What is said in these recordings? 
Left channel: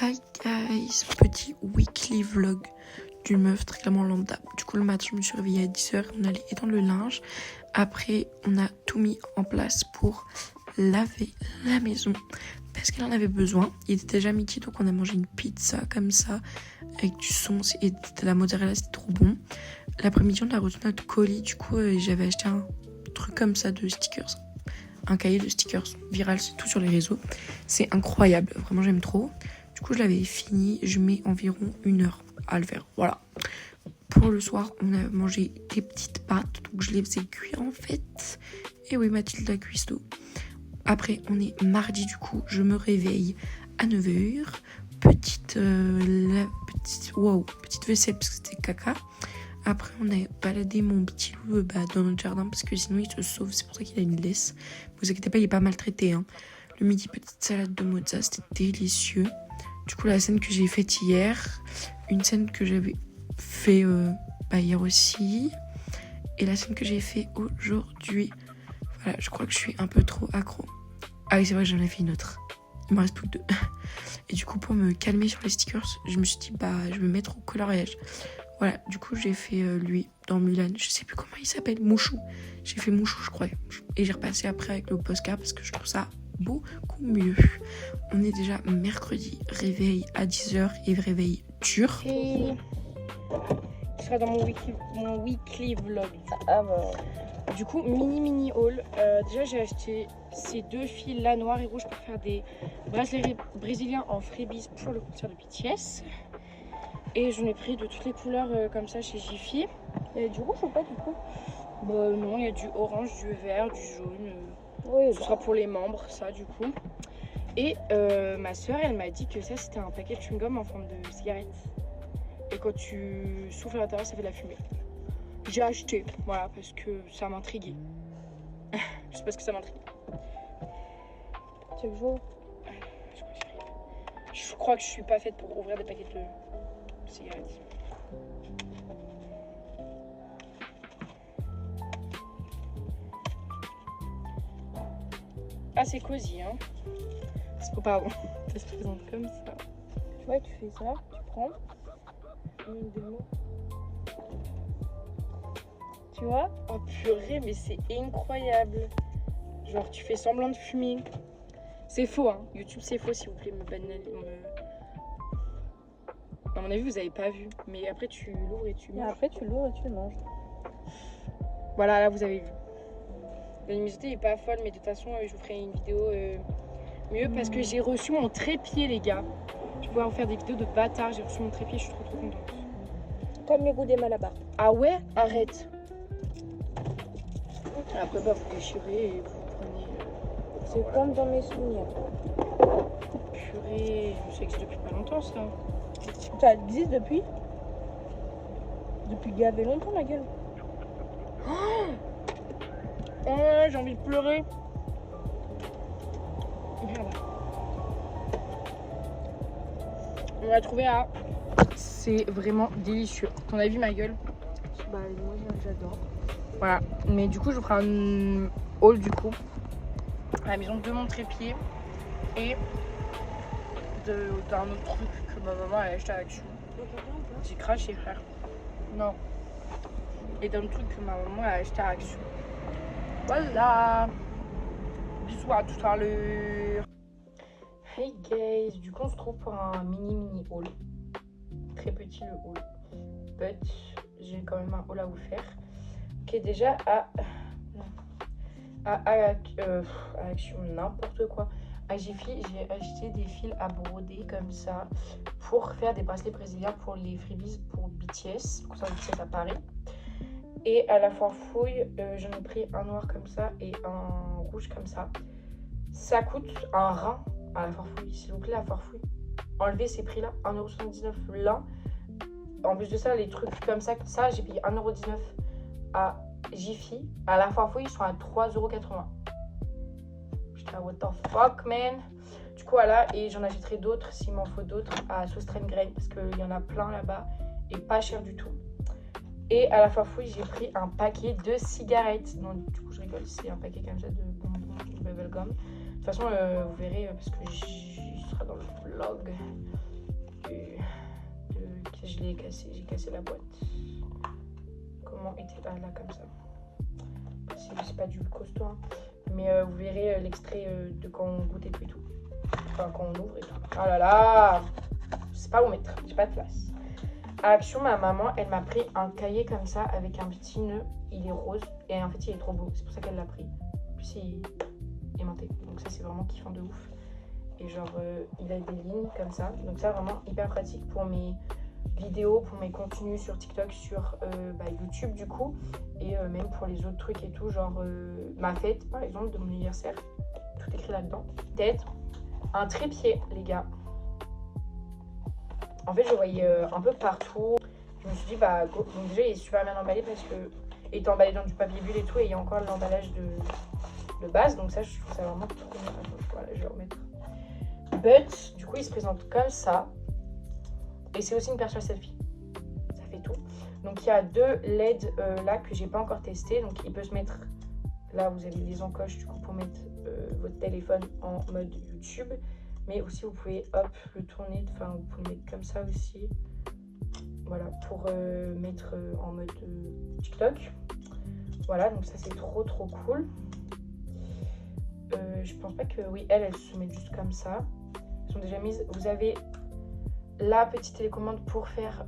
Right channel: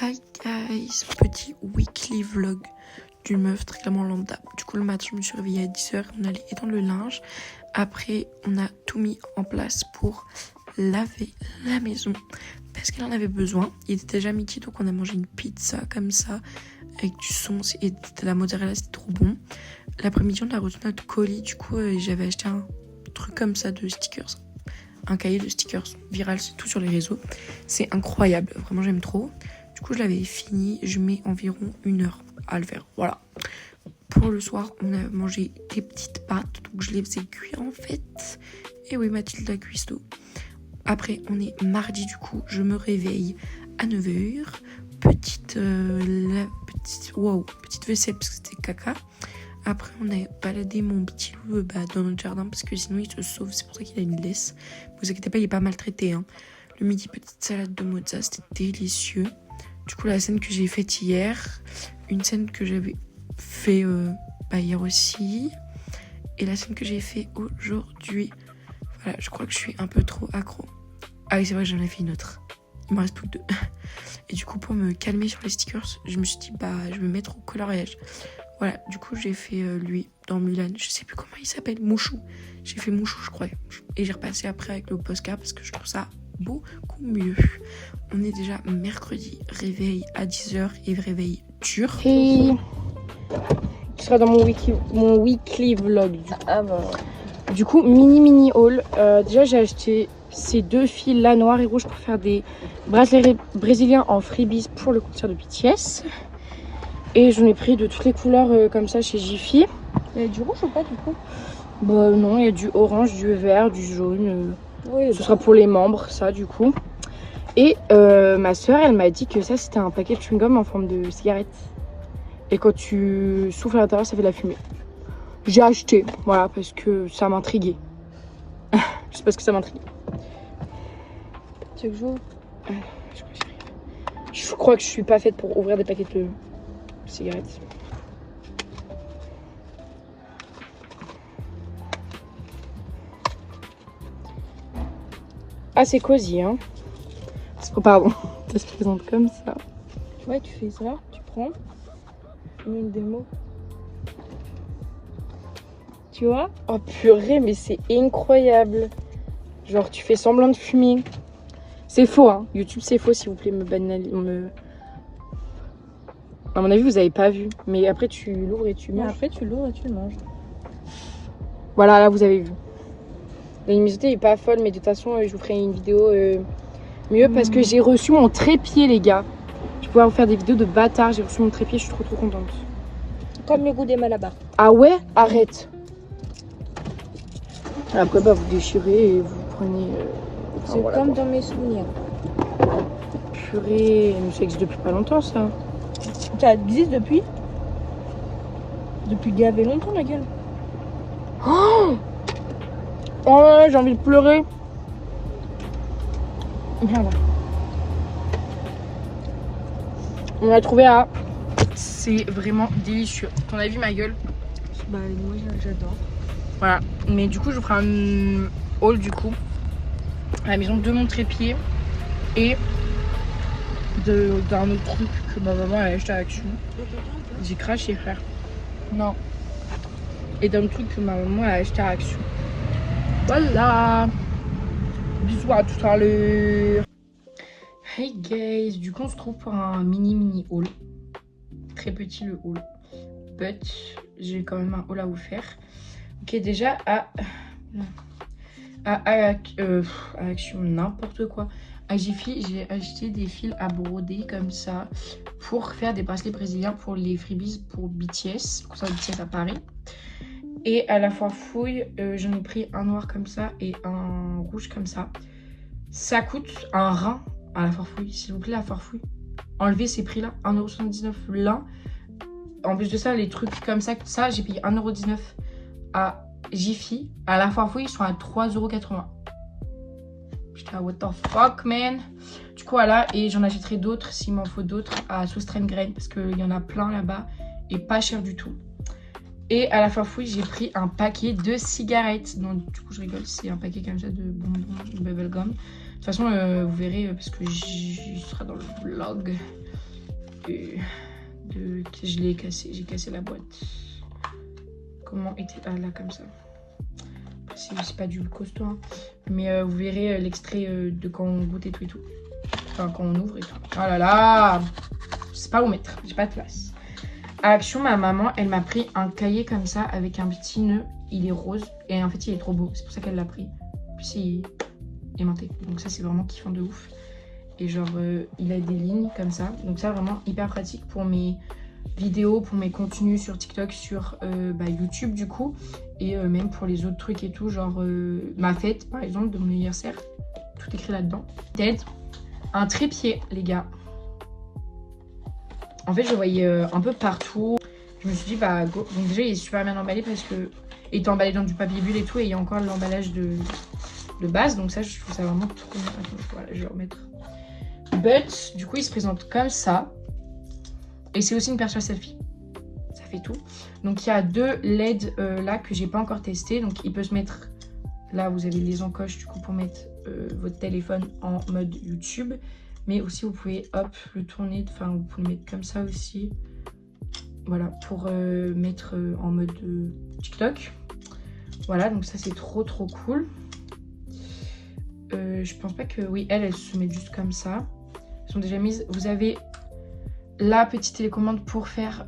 Hi guys, petit weekly vlog d'une meuf très clairement lambda. Du coup le matin je me suis réveillée à 10h, on allait étendre le linge. Après on a tout mis en place pour laver la maison parce qu'elle en avait besoin. Il était déjà midi donc on a mangé une pizza comme ça avec du sauce et de la mozzarella, c'était trop bon. L'après-midi on a reçu notre colis, du coup j'avais acheté un truc comme ça de stickers. Un cahier de stickers viral, c'est tout sur les réseaux. C'est incroyable, vraiment j'aime trop. Du coup je l'avais fini, je mets environ 1 heure à le faire, voilà. Pour le soir, on a mangé des petites pâtes, donc je les faisais cuire en fait. Et oui, Mathilde a cuistot. Après, on est mardi du coup, je me réveille à 9h. Petite vaisselle parce que c'était caca. Après, on a baladé mon petit loup dans notre jardin parce que sinon il se sauve. C'est pour ça qu'il a une laisse. Vous inquiétez pas, il est pas maltraité. Hein. Le midi, petite salade de mozza, c'était délicieux. Du coup, la scène que j'ai faite hier, une scène que j'avais fait hier aussi, et la scène que j'ai fait aujourd'hui. Voilà, je crois que je suis un peu trop accro. Ah oui, c'est vrai, j'en ai fait une autre. Il me reste plus que 2. Et du coup, pour me calmer sur les stickers, je me suis dit, je vais me mettre au coloriage. Voilà, du coup, j'ai fait lui dans Mulan. Je sais plus comment il s'appelle, Mouchou. J'ai fait Mouchou, je crois. Et j'ai repassé après avec le postcard parce que je trouve ça beaucoup mieux. On est déjà mercredi, réveil à 10h et réveil dur. Et tu seras dans mon weekly vlog. Du coup, mini haul. Déjà, j'ai acheté ces 2 fils là, noir et rouge, pour faire des bracelets brésiliens en freebies pour le concert de BTS. Et j'en ai pris de toutes les couleurs comme ça chez Jiffy. Il y a du rouge ou pas du coup? Bah non, il y a du orange, du vert, du jaune. Oui, Ce sera pour les membres, ça du coup. Et ma soeur, elle m'a dit que ça c'était un paquet de chewing-gum en forme de cigarette. Et quand tu souffles à l'intérieur, ça fait de la fumée. J'ai acheté, voilà, parce que ça m'intriguait. Je sais pas ce que ça m'intrigue. Tu veux que je joue? Je crois que je suis pas faite pour ouvrir des paquets de cigarettes. Ah, c'est cosy, hein. Oh, pardon, ça se présente comme ça. Ouais, tu fais ça, tu prends une démo. Tu vois? Oh purée, mais c'est incroyable. Genre, tu fais semblant de fumer. C'est faux, hein. YouTube, c'est faux, s'il vous plaît, À mon avis, vous avez pas vu. Mais après, tu l'ouvres et tu Mais manges. après, tu l'ouvres et tu le manges. Voilà, là, vous avez vu. La luminosité est pas folle, mais de toute façon, je vous ferai une vidéo mieux parce que j'ai reçu mon trépied, les gars. Je vais pouvoir vous faire des vidéos de bâtard. J'ai reçu mon trépied, je suis trop contente. Comme le goût des Malabar. Ah ouais? Arrête. Après, vous déchirez et vous prenez... C'est voilà, comme quoi. dans mes souvenirs. Purée, mais ça existe depuis pas longtemps, ça. Ça existe depuis gavé longtemps, la gueule. Oh, ouais, j'ai envie de pleurer. Merde. On l'a trouvé à... C'est vraiment délicieux. T'en as vu ma gueule? Bah, moi, j'adore. Voilà. Mais du coup, je vous ferai un haul du coup. À la maison de mon trépied. Et d'un autre truc que ma maman a acheté à Action. J'ai craché, frère. Non. Et d'un truc que ma maman a acheté à Action. Voilà. Bisous, à tout à l'heure. Hey guys, du coup on se trouve pour un mini haul. Très petit le haul. But j'ai quand même un haul à vous faire. Ok, déjà à Action, n'importe quoi. À Jiffy, j'ai acheté des fils à broder comme ça pour faire des bracelets brésiliens pour les freebies pour BTS, concert de BTS à Paris. Et à la Farfouille, j'en ai pris un noir comme ça et un rouge comme ça. Ça coûte un rein à la Farfouille, s'il vous plaît, la Farfouille. Enlevez ces prix-là, 1,79€ l'un. En plus de ça, les trucs comme ça, j'ai payé 1,19€ à Jiffy. À la Farfouille, ils sont à 3,80€. Putain, what the fuck, man. Du coup, voilà, et j'en achèterai d'autres, s'il m'en faut d'autres, à Soustrain Grain, parce qu'il y en a plein là-bas, et pas cher du tout. Et à la Farfouille, j'ai pris un paquet de cigarettes. Donc, du coup, je rigole, c'est un paquet comme ça de bonbons, de bubblegum. De toute façon, vous verrez, parce que j'y sera dans le vlog. je l'ai cassé, j'ai cassé la boîte. Comment était... Ah là, comme ça. C'est pas du costaud, hein. Mais vous verrez l'extrait de quand on goûte et tout et tout. Enfin, quand on ouvre et tout. Oh là là, je sais pas où mettre, j'ai pas de place. À Action, ma maman, elle m'a pris un cahier comme ça avec un petit nœud. Il est rose et en fait, il est trop beau. C'est pour ça qu'elle l'a pris. Puis il est aimanté. Donc ça, c'est vraiment kiffant de ouf. Et genre, il a des lignes comme ça. Donc ça, vraiment hyper pratique pour mes vidéos, pour mes contenus sur TikTok, sur YouTube du coup. Et même pour les autres trucs et tout. Genre ma fête, par exemple, de mon anniversaire. Tout écrit là-dedans. Peut-être un trépied, les gars. En fait, je voyais un peu partout. Je me suis dit, bah, go. Donc déjà, il est super bien emballé parce que il est emballé dans du papier bulle et tout. Et il y a encore l'emballage de base. Donc ça, je trouve ça vraiment trop bien. Attends, voilà, je vais remettre. But, du coup, il se présente comme ça. Et c'est aussi une perche à selfie. Ça fait tout. Donc, il y a 2 LED là que j'ai pas encore testé. Donc, il peut se mettre... Là, vous avez les encoches du coup pour mettre votre téléphone en mode YouTube. Mais aussi, vous pouvez, hop, le tourner. Enfin, vous pouvez le mettre comme ça aussi. Voilà, pour mettre en mode TikTok. Voilà, donc ça, c'est trop cool. Je pense pas que... Oui, elle se met juste comme ça. Elles sont déjà mises. Vous avez la petite télécommande pour faire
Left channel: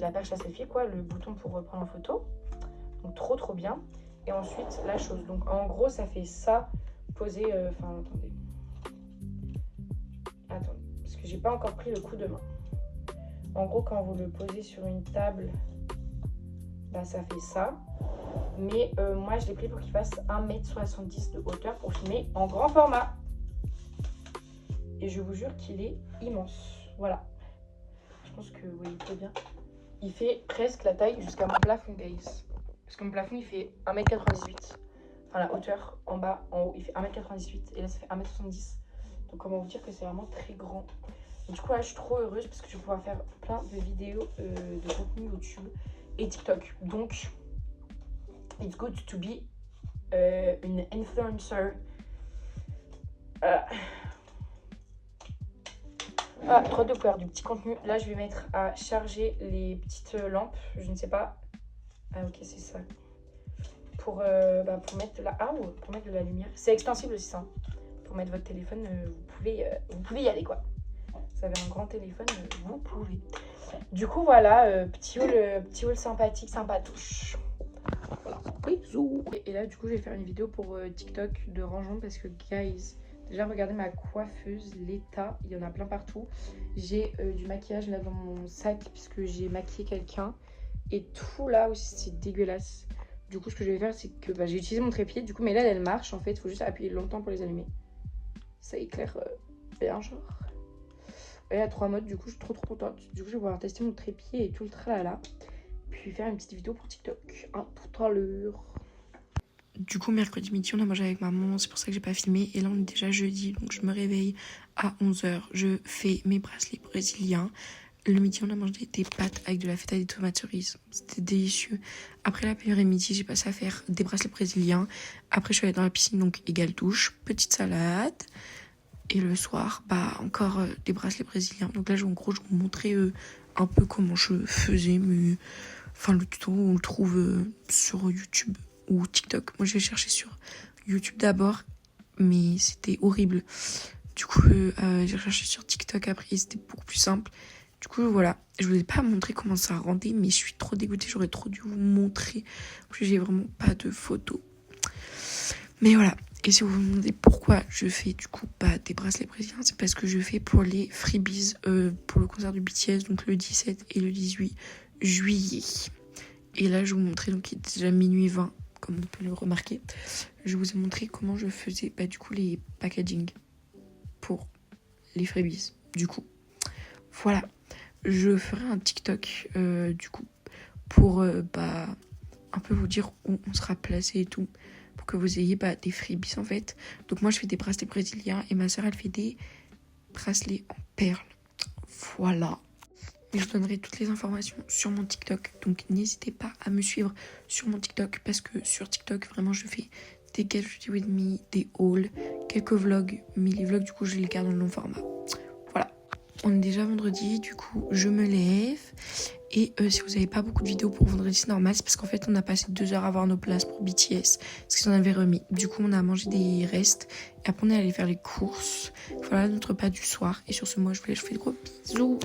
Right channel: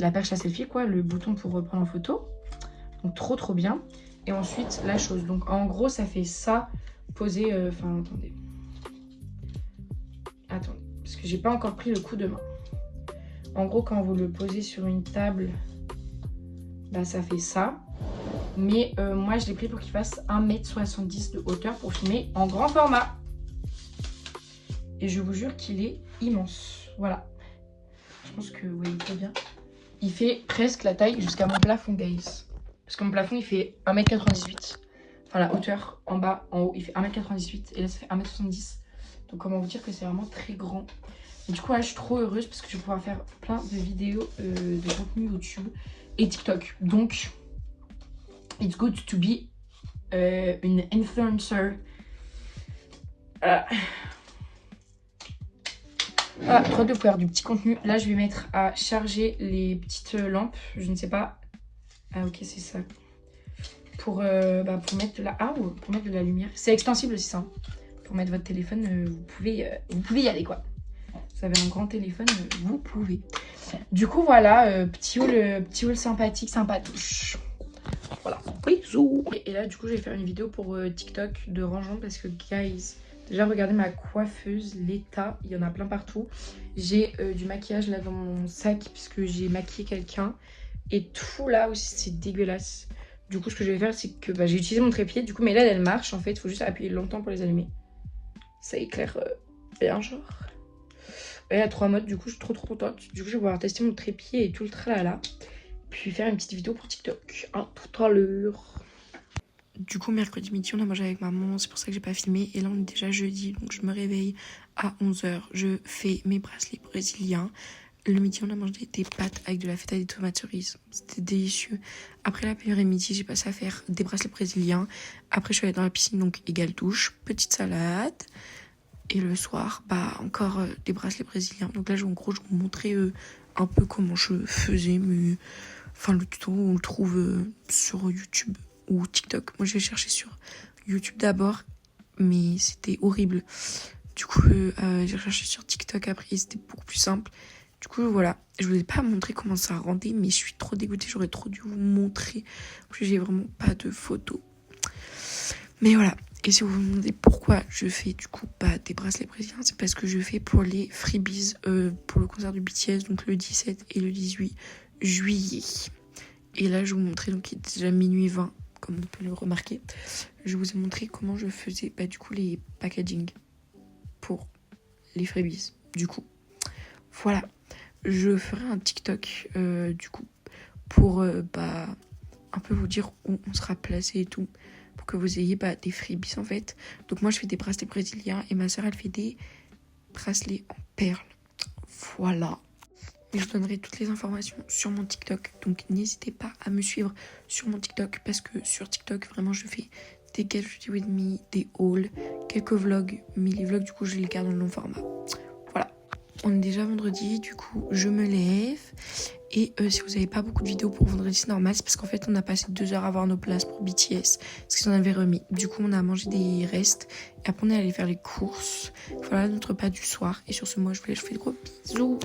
la perche à selfie, quoi. Le bouton pour prendre en photo. Donc, trop bien. Et ensuite, la chose. Donc, en gros, ça fait ça posé... Enfin, attendez. Parce que j'ai pas encore pris le coup de main. En gros, quand vous le posez sur une table, bah, ça fait ça. Mais moi, je l'ai pris pour qu'il fasse 1,70 m de hauteur pour filmer en grand format. Et je vous jure qu'il est immense. Voilà. Je pense que vous voyez très bien. Il fait presque la taille jusqu'à mon plafond, guys. Parce que mon plafond, il fait 1,98 m. Enfin, la hauteur en bas, en haut, il fait 1,98 m. Et là, ça fait 1,70 m. Donc, comment vous dire que c'est vraiment très grand. Et du coup, là, je suis trop heureuse parce que je vais pouvoir faire plein de vidéos de contenu YouTube et TikTok. Donc... It's good to be une influencer. Voilà, trop de faire du petit contenu. Là, je vais mettre à charger les petites lampes. Je ne sais pas. Ah, ok, c'est ça. Pour mettre de la... Ah, pour mettre de la lumière. C'est extensible aussi, ça. Pour mettre votre téléphone, vous pouvez y aller, quoi. Vous avez un grand téléphone, vous pouvez. Du coup, voilà, petit haul sympathique, sympatouche. Voilà. Et là, du coup, je vais faire une vidéo pour TikTok de rangement parce que, guys, déjà, regardez ma coiffeuse, l'état, il y en a plein partout. J'ai du maquillage là dans mon sac puisque j'ai maquillé quelqu'un. Et tout là aussi, c'est dégueulasse. Du coup, ce que je vais faire, c'est que j'ai utilisé mon trépied. Du coup, mes LED, elles marchent en fait. Il faut juste appuyer longtemps pour les allumer. Ça éclaire bien, genre. Il y a 3 modes. Du coup, je suis trop contente. Du coup, je vais pouvoir tester mon trépied et tout le tralala. Puis faire une petite vidéo pour TikTok. Tout à l'heure. Du coup, mercredi midi, on a mangé avec maman. C'est pour ça que j'ai pas filmé. Et là, on est déjà jeudi. Donc, je me réveille à 11 h. Je fais mes bracelets brésiliens. Le midi, on a mangé des pâtes avec de la feta et des tomates cerises. C'était délicieux. Après l'après-midi, j'ai passé à faire des bracelets brésiliens. Après, je suis allée dans la piscine, donc égale douche. Petite salade. Et le soir, encore des bracelets brésiliens. Donc là, en gros, je vais vous montrer un peu comment je faisais. Mais... Enfin, le tuto, on le trouve sur YouTube ou TikTok. Moi, je vais chercher sur YouTube d'abord, mais c'était horrible. Du coup, j'ai recherché sur TikTok après, c'était beaucoup plus simple. Du coup, voilà. Je vous ai pas montré comment ça rendait, mais je suis trop dégoûtée. J'aurais trop dû vous montrer. Parce que j'ai vraiment pas de photos. Mais voilà. Et si vous vous demandez pourquoi je fais du coup des bracelets brésiliens, c'est parce que je fais pour les freebies pour le concert de BTS, donc le 17 et le 18 juillet. Et là, je vais vous montrer, donc il est déjà minuit 20, comme on peut le remarquer. Je vous ai montré comment je faisais du coup les packaging pour les freebies. Du coup, voilà. Je ferai un TikTok du coup pour un peu vous dire où on sera placé et tout. Pour que vous ayez des freebies en fait. Donc moi je fais des bracelets brésiliens et ma soeur elle fait des bracelets en perles. Voilà. Et je vous donnerai toutes les informations sur mon TikTok. Donc n'hésitez pas à me suivre sur mon TikTok. Parce que sur TikTok vraiment je fais des Get Ready With Me, des hauls, quelques vlogs. Mais les vlogs du coup je les garde en long format. Voilà. on est déjà vendredi, du coup je me lève. Et si vous n'avez pas beaucoup de vidéos pour vendredi, c'est normal, c'est parce qu'en fait on a passé 2 heures à avoir nos places pour BTS, parce qu'ils en avaient remis. Du coup on a mangé des restes, et après on est allé faire les courses. Voilà notre repas du soir, et sur ce moi je vous fais de gros bisous.